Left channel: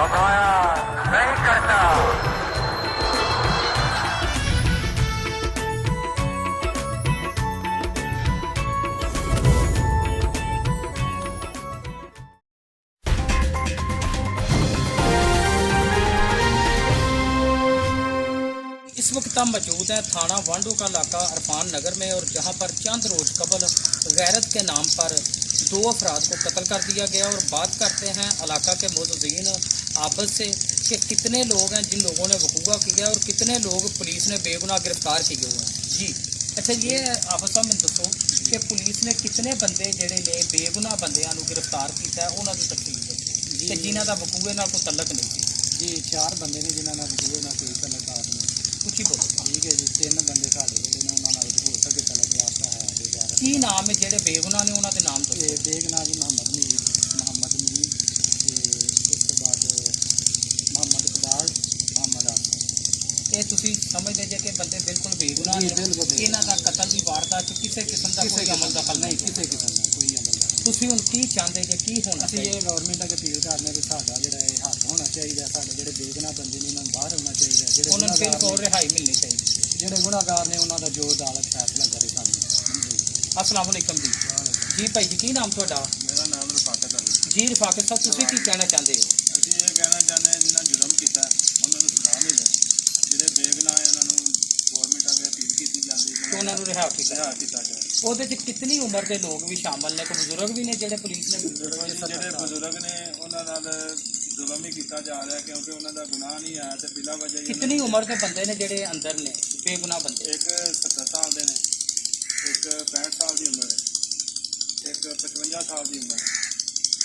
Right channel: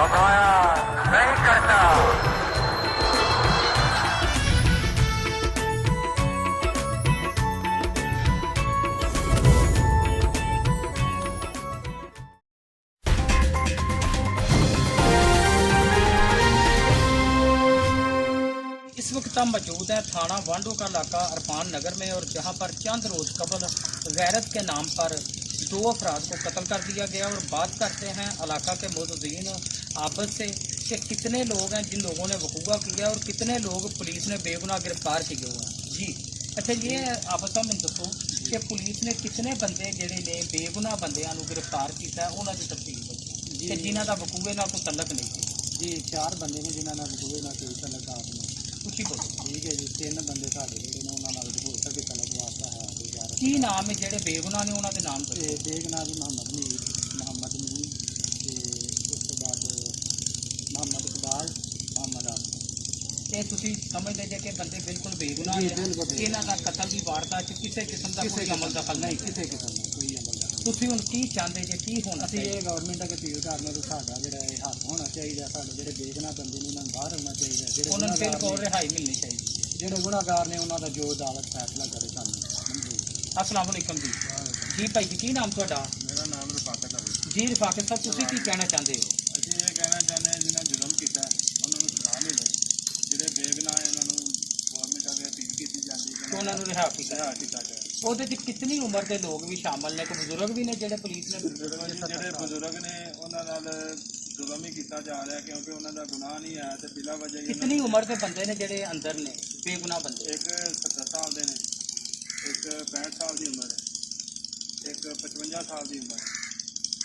दबाया नहीं करता। इस वक्त हम मौजूद हैं थाना वांडो का इलाका अरफान नगर में, और जहां पर चंद रोज कबल गैरत के नाम पर 2 अफराद को कत्ल कर दिया गया। और बात करते हैं इलाका के मौजूदीन आपस से कि कितने लोग हैं जिन लोगों ने वकूआ किया और कितने लोग पुलिस ने बेगुनाह गिरफ्तार किए हुए हैं। जी अच्छा, ये आपस में दसो कि पुलिस ने कितने बंदे ਜਿਹੜੇ ਨੇ बेगुनाह ਬੰਦਿਆਂ ਨੂੰ गिरफ्तार किया है, ਉਹਨਾਂ ਦੀ ਤਫਸੀਲ ਦੱਸੋ ਕਿ ਜਿਨ੍ਹਾਂ ਦਾ ਵਕੂਏ ਨਾਲ ਕੋਈ ਤਲਕ ਨਹੀਂ ਸੀ। जी 4 बंदे ने जिन्होंने वकूए ना कोई तलक आपने ਉੱਚੀ ਬੋਲੋ। ठीक है जी 3 बंदे साढ़े जोड़े ने उन्होंने हो सके तलक वास्ता है बेचारा ਕੀ ਨਾਮ ਹੈ ਜਿਹੜੇ बेगुनाह ने, ਉਹਨਾਂ ਦੇ ਨਾਮ ਦੱਸੋ। ते बेगना जी मोहम्मद मीर ते उस तो बाद मोहम्मद इकबाल मोहम्मद आसिफ। ਇਹ ਤੁਸੀਂ ਸਮਝਦੇ ਜੇ ਕਿ ਬੰਦੇ ਬਿਲਕੁਲ ਬੇਗੁਨਾਹ ਜੀ, ਨੇ, ਬਿਲਕੁਲ ਬੇਗੁਨਾਹ। ਇਹਨਾਂ ਦਾ ਕਤਲ ਦੀ ਵਾਰਦਾਤ 'ਚ ਕਿਸੇ ਕਿਸਮ ਦਾ ਕੋਈ ਅਮਲ ਦਖਲ नहीं ਨਹੀਂ। किसी किस्म का कोई अमल नहीं। ਤੁਸੀਂ ਹੁਣ ਕੀ ਚਾਹੁੰਦੇ ਜੇ ਕੀ ਹੋਣਾ ਅਸੀਂ ਚਾਹੀਦਾ? ਇਹ ਗਵਰਨਮੈਂਟ ਅੱਗੇ ਅਪੀਲ ਕਰਨੇ ਕਿ ਸਾਡਾ ਜਿਹੜਾ ਇਹ ਹੱਥ ਹੋਣਾ ਚਾਹੀਦਾ, ਸਾਡੇ ਜਿਹੜੇ ਬੇਗੁਨਾਹ ਬੰਦੇ ਨੇ ਇਹਨਾਂ ਨੂੰ ਬਾਹਰ ਹੋਣਾ ਚਾਹੀਦਾ, ਜਿਹੜੇ ਉਹਨਾਂ ਨੂੰ ਗੁਨਾਹਗਾਰ ਬਿਲਕੁਲ ਨੇ ਰਿਹਾਈ ਮਿਲਣੀ ਚਾਹੀਦੀ। ਜਿਹੜੇ ਗੁਨਾਹਗਾਰ ਨੇ ਉਹਨਾਂ ਦਾ ਜੋ ਅਦਾਲਤ ਫੈਸਲਾ ਕਰੇ ਸਾਨੂੰ ਮਨਜ਼ੂਰ। ਅਸਲਾਮ ਵਾਲੇਕਮ ਜੀ। ਜੀ ਭਾਈ ਜੀ, ਕੀ ਨਾਮ ਤੁਹਾਡਾ? ਮੇਰਾ ਨਾਮ ਰਫਾਕਤ ਹੈ। ਜੀ ਰਫਾਕਤ ਸਾਹਿਬ, ਤੁਸੀਂ ਕੀ ਕਹਿਣਾ ਚਾਹੁੰਦੇ ਹੋ? ਅਸੀਂ ਇਹ ਕਹਿਣਾ ਚਾਹੁੰਦੇ ਹਾਂ ਜਿਨ੍ਹਾਂ ਜੁਰਮ ਕੀਤਾ ਉਹਨਾਂ ਨੂੰ ਸਜ਼ਾ ਮਿਲੇ, ਜਿਹੜੇ ਬੇਗੁਨਾਹ ਹੈ ਉਹਨਾਂ ਨੂੰ ਗੌਰਮੈਂਟ ਅੱਗੇ ਅਪੀਲ ਕੀਤੀ ਜਾਂਦੀ ਕਿ ਉਹਨਾਂ ਨੂੰ ਰਿਹਾ ਕੀਤਾ ਰਿਹਾ ਕੀਤਾ ਜਾਏ। ਉਹਦੇ 'ਚ ਕਿੰਨੀ ਉਮਰ ਦੇ ਲੋਕ ਵੀ ਸ਼ਾਮਲ ਨੇ, ਕੋਈ ਬਜ਼ੁਰਗ ਵੀ ਨੇ ਜਿਹੜੇ ਪੁਲਿਸ ਨੇ ਜਿਹੜੇ ਬਜ਼ੁਰਗ ਨੇ ਉਹਨਾਂ ਨਾਲ ਜ਼ੁਲਮ ਹੀ ਕੀਤਾ ਜਾ ਰਿਹਾ ਕਿਉਂਕਿ ਉਹਨਾਂ ਦਾ ਗੁਨਾਹ ਨਹੀਂ ਹੈ ਤੇ ਬਿਲਾ ਵਜ੍ਹਾ ਹੀ ਕਿੰਨੀ ਉਮਰ ਦੇ ਬੰਦੇ ਨੇ ਜਿਹੜੇ ਅੰਦਰ ਨੇ ਬੇਗੁਨਾਹ ਬੰਦੇ? ਇੱਕ 70 ਸਾਲ ਦੇ ਨੇ, ਇੱਕ 65 ਸਾਲ ਦੀ ਉਮਰ ਹੈ, ਇੱਕ 55 ਸਾਲ ਦੀ ਉਮਰ ਹੈ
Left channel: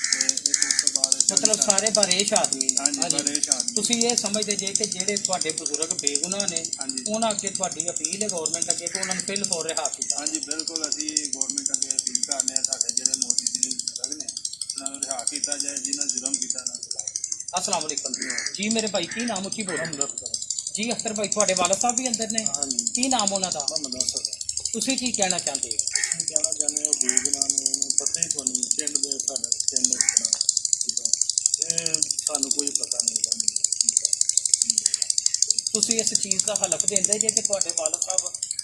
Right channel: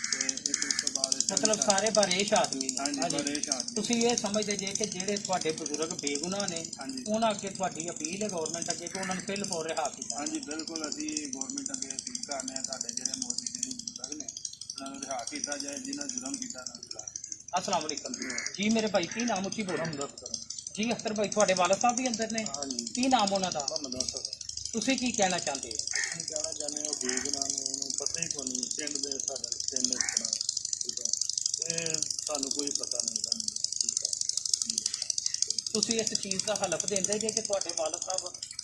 ਤੇ ਇੱਕ ਉਸ ਤੋਂ ਬਾਅਦ 40 ਮਤਲਬ ਸਾਲ। ਸਾਰੇ ਬਾਰੇਸ਼ ਆਦਮੀ ਨੇ। ਹਾਂਜੀ ਬਰੇਸ਼ ਆਦਮੀ। ਤੁਸੀਂ ਇਹ ਸਮਝਦੇ ਜੇ ਕਿ ਜਿਹੜੇ ਤੁਹਾਡੇ ਬਜ਼ੁਰਗ ਬੇਗੁਨਾਹ ਨੇ, ਹਾਂਜੀ ਉਹਨਾਂ ਅੱਗੇ ਤੁਹਾਡੀ ਅਪੀਲ ਹੈ ਗਵਰਨਮੈਂਟ ਅੱਗੇ ਕਿ ਉਹਨਾਂ ਨੂੰ ਫਿਲ ਫੋਰ ਰਿਹਾ ਕੀਤਾ? ਹਾਂਜੀ ਬਿਲਕੁਲ ਅਸੀਂ ਗੌਰਮੈਂਟ ਅੱਗੇ ਅਪੀਲ ਕਰਨੇ ਆ ਸਾਡੇ ਜਿਹੜੇ ਮੌਜੂਦਾ ਬਜ਼ੁਰਗ ਨੇ ਉਹਨਾਂ ਨੂੰ ਰਿਹਾ ਕੀਤਾ ਜਾਏ, ਜਿਨ੍ਹਾਂ ਜੁਰਮ ਕੀਤਾ ਨਾ अस्सलाम वालेकुम जी। मेरे भाई की नाम की बोलो जी? अख्तर भाई ਤੁਹਾਡੇ ਵਾਲਦ ਸਾਹਿਬ ਵੀ ਅੰਦਰ ਨੇ? ਹਾਂਜੀ ਕੀ ਨਾਮ ਉਹਨਾਂ ਦਾ? ਮੁਹੰਮਦ ਅਸਦ। ਤੁਸੀਂ ਕੀ ਕਹਿਣਾ ਚਾਹੁੰਦੇ ਹੋ? ਅਸੀਂ ਕਹਿਣਾ ਚਾਹੁੰਦੇ ਹਾਂ ਉਹ ਬੇਗੁਨਾਹ ਨੇ, ਉਹਨੂੰ ਪਤਾ ਹੀ ਕੋਈ ਨਹੀਂ ਪਿੰਡ ਦੇ ਸਾਡੇ ਪਿੰਡ ਦੇ ਬਣਾ ਠੀਕ ਹੈ, ਇਹ ਸਾਨੂੰ ਕੋਈ ਪਤਾ ਨਹੀਂ ਲੱਗਦਾ। ਤੁਸੀਂ ਇਸ ਚੀਜ਼ ਦਾ ਹਲਫ ਦਿੰਦੇ ਜੇ ਕਿ ਤੁਹਾਡੇ ਵਾਲਦ ਸਾਹਿਬ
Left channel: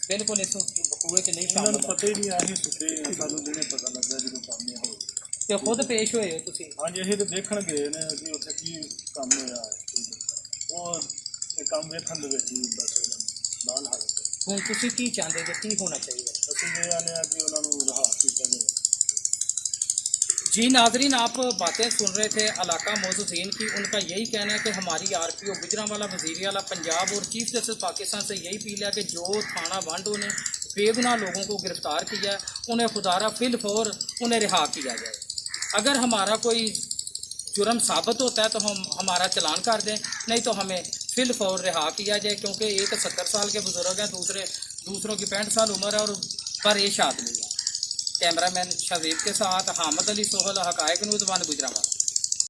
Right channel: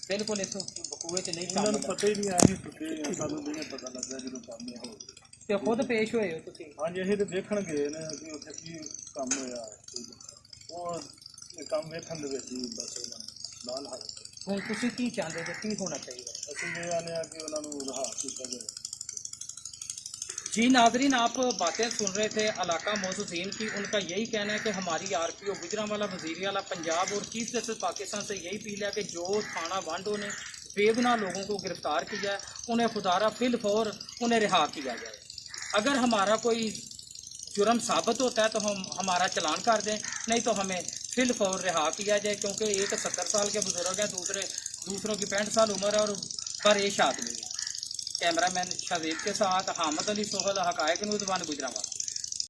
ਬਿਲਕੁਲ ਇਸ ਵਕੂਏ 'ਚ ਨਹੀਂ ਉਹਨਾਂ ਨੂੰ ਸ਼ਾਮਲ? ਪਤਾ ਹੀ ਨਹੀਂ, ਅਸੀਂ ਸੁੱਤੇ ਹਾਂ, ਸਾਨੂੰ ਦਿਨੇ ਪਤਾ ਲੱਗਾ ਜਦੋਂ ਕੰਮ ਇਹ ਹੋ ਗਿਆ। ਤੇ ਖੁਦ ਪੇਸ਼ ਹੋਏ ਹੋ ਤੁਸੀਂ? ਹਾਂਜੀ ਅਸੀਂ ਤਾਂ ਦੇਖਣ ਗਏ ਨੇ ਕਿ ਉੱਥੇ ਕੀ ਕੰਮ ਹੋਇਆ ਹੈ, ਠੀਕ ਹੈ। ਉਹ ਇਹ ਕੰਮ ਵੇਖਣ ਦੇ ਵਿੱਚ ਹੀ ਬਸ ਉਹਨਾਂ ਨੂੰ ਨਾਲ ਹਾਜ਼ਰ। ਹੁਣ ਤੁਸੀਂ ਕੀ ਚਾਹੁੰਦੇ ਜੇ ਕੀ ਹੋਣਾ चाहिए? ਅਸੀਂ ਇਹ ਆਨੇ ਆ ਕਿ ਉਹਨਾਂ ਨੂੰ ਰਿਹਾ ਕੀਤਾ ਜਾਏ। जी नाजरीन, आप बातें सुन रहे थे इलाका मौजूदीन की। उनका यही कहना है कि हमारी RPO गुजरांवाला वज़ीरियाला पंजाब और चीफ जस्टिस पाकिस्तान से यही अपील है कि जो थाना वांडो ने बेगुनाह लोगों को गिरफ़्तार किया उन्हें खुदारा फिल फौर उन्हें रिहा किया जाए। अगर हमारा कोई जुर्म साबित होता है तो हम हमारा चलान कर दें, नहीं तो हमें फिल फौर रिहा किया जाए, क्योंकि एक 70 साल के बुज़ुर्ग हैं, दूसरों की 65 साल उम्र है और बरेश आदमी है। कैमरामैन शावेद के साथ हामिद अली सोहल, हकायक न्यूज़ 1 गुजरांवाला।